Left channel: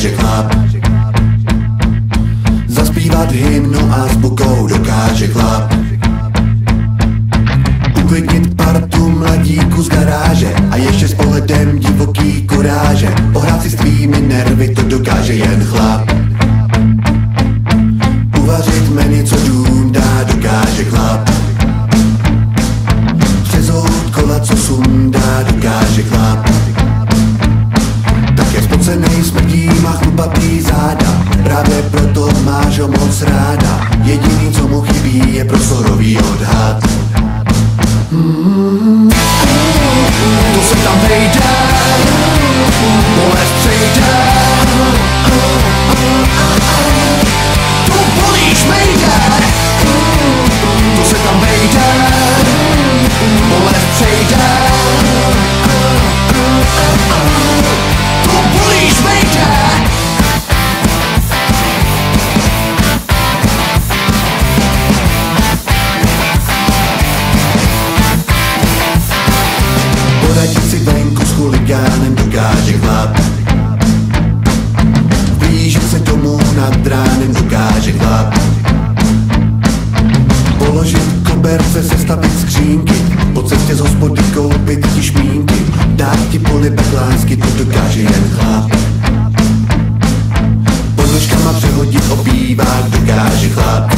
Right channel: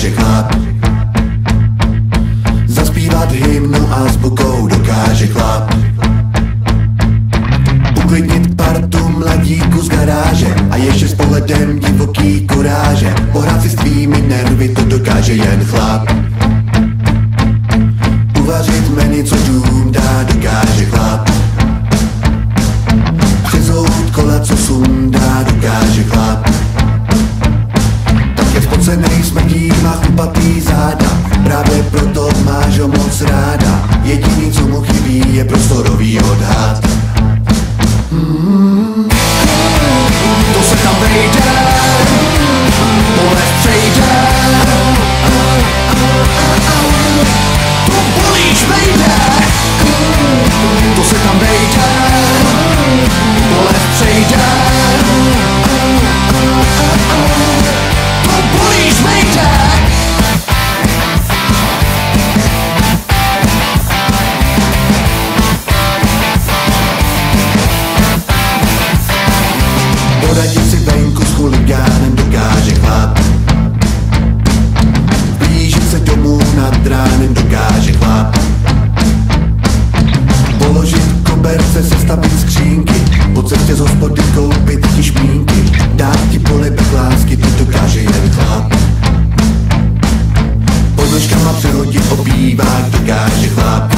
dokáže chlap. Zaspívat hymnu azbukou dokáže chlap. Uklidnit partu mladíku z garáže a ještě s pohledem divoký kuráže. Pohrát si s tvými nervy, to dokáže jen chlap. Uvařit menu, co dům dá, dokáže chlap. Přezout kola, co sundá, dokáže chlap. Tak je spocenej, smrdí, má chlupatý záda. Právě proto máš ho moc ráda. Jediný, co mu chybí, je prostorový odhad. To se tam vejde, bolest přejde. To bolíš vejde. To se tam vejde, bolest přejde. To bolíš vejde. Poradit si venku s chuligánem dokáže chlap. Blížit se domů nad ránem dokáže chlap. Položit koberce, sestavit skřínky, po cestě z hospody koupit ti špínky, dát ti polibek lásky, to dokáže jen chlap. Pod nožkama přehodit obývák dokáže chlap.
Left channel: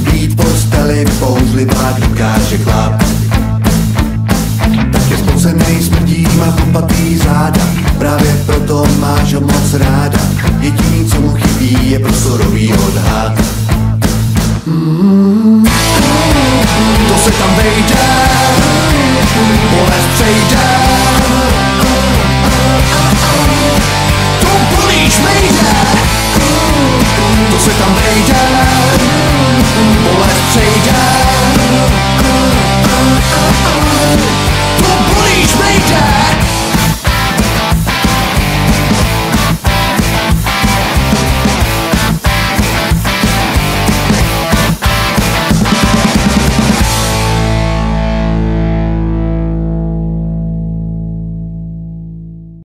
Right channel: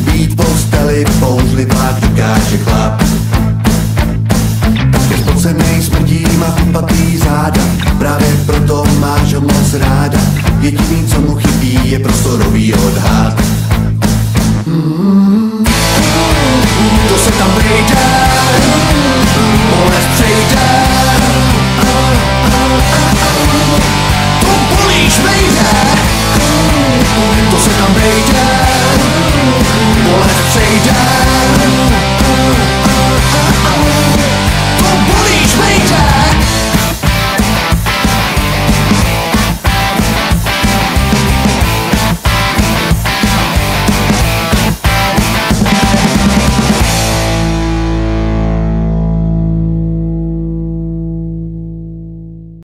Být v posteli bouřlivák dokáže chlap. Tak je spocenej, smrdí, má chlupatý záda. Právě proto máš ho moc ráda. Jediný, co mu chybí, je prostorový odhad. To se tam vejde, bolest přejde.